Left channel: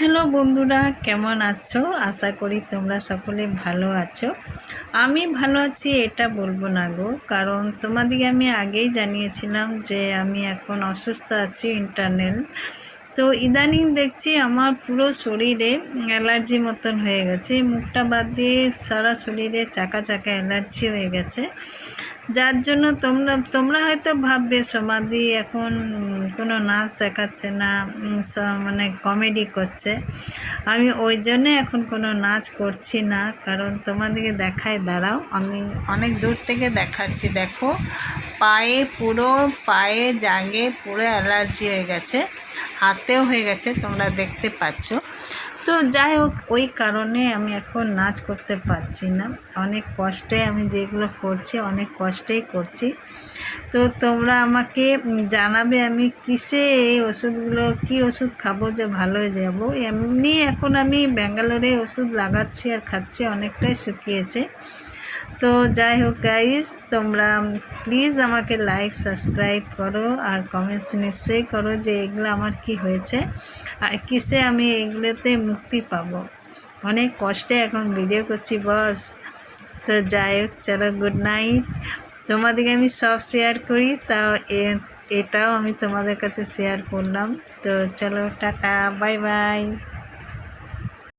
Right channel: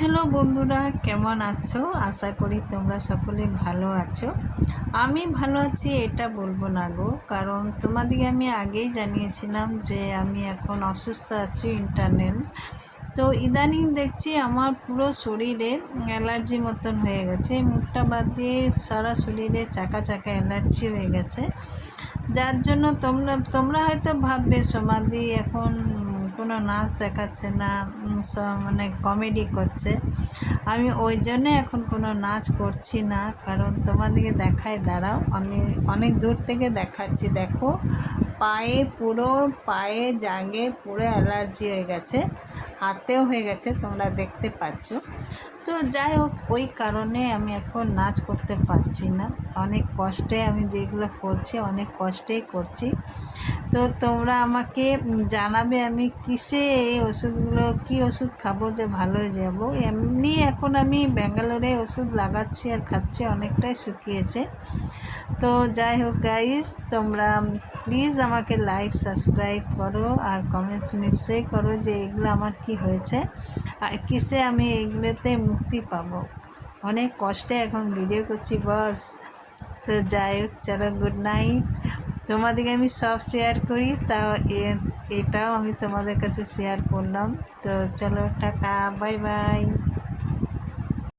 Hello বন্ধুরা, কেমন আছো? আশা করি তোমরা সকলে ভালো আছো। আমি ভালো আছি এটা বলবো না গো, কারণ তোমাদিকে আমি আগেই জানিয়েছিলাম যে আমি এখন অসুস্থ আছি ইন্টারনাল। তো ইদানিং দেখছি আমার পুরো শরীরে অ্যালার্জি মতন হয়ে গেছে, মুখটা বাদ দিয়ে সারা শরীরে চাকা চাকা অ্যালার্জি হয়ে গেছে। যার জন্য তোমরা হয়তো ভাববে সমাধি এখন কোনো নাচ দেখাচ্ছে না, মানে কমেডি করছে। আমি ওই জন্যে এখন কোনো নাচ করছি না, কারণ তোমাদেরকে দেখায়, দাঁড়াও আমি অনেক দূর থেকে দেখাচ্ছি। দেখো পায়ে জাগে পুরো অ্যালার্জি হয়ে গেছে, হাতেও হয়ে গেছে, তোমরা দেখতে পাচ্ছ। তো যাই হোক, ওই কারণে আমি এখন নাচ করতে পারছি না। অনেক কষ্টে আমি যেগুলো করছি, অনেক কষ্টেই করছি। তো তোমরা আমাকে জানাবে আমি কিসে এই ওষুধগুলো, কী ওষুধ খাবো যে ভালো হয়ে যাব। এমনি এখন আমি ব্যাঙ্গালোরে ওষুধ লাগাচ্ছি আর খাচ্ছি, অনেকটাই শুকিয়েছে। তো যাই হোক গাইস, তোমরা প্লিজ আমাকে লাইক সাবস্ক্রাইব করো আর কমেন্টস নিশ্চয়ই করো যে এগুলো আমার কি হয়েছে আর কিসে আমি এগুলোতে মুক্তি পাবো। অনেক কষ্টে এখন ভিডিও করছি বস। তো যাই হোক, চলো গুড নাইট। তোমাদেরকে আমি সব শেয়ার করি, তাও এটাও আমি তোমাদের কাছে শেয়ার করলাম। তো চলো টাটা, বাই বাই।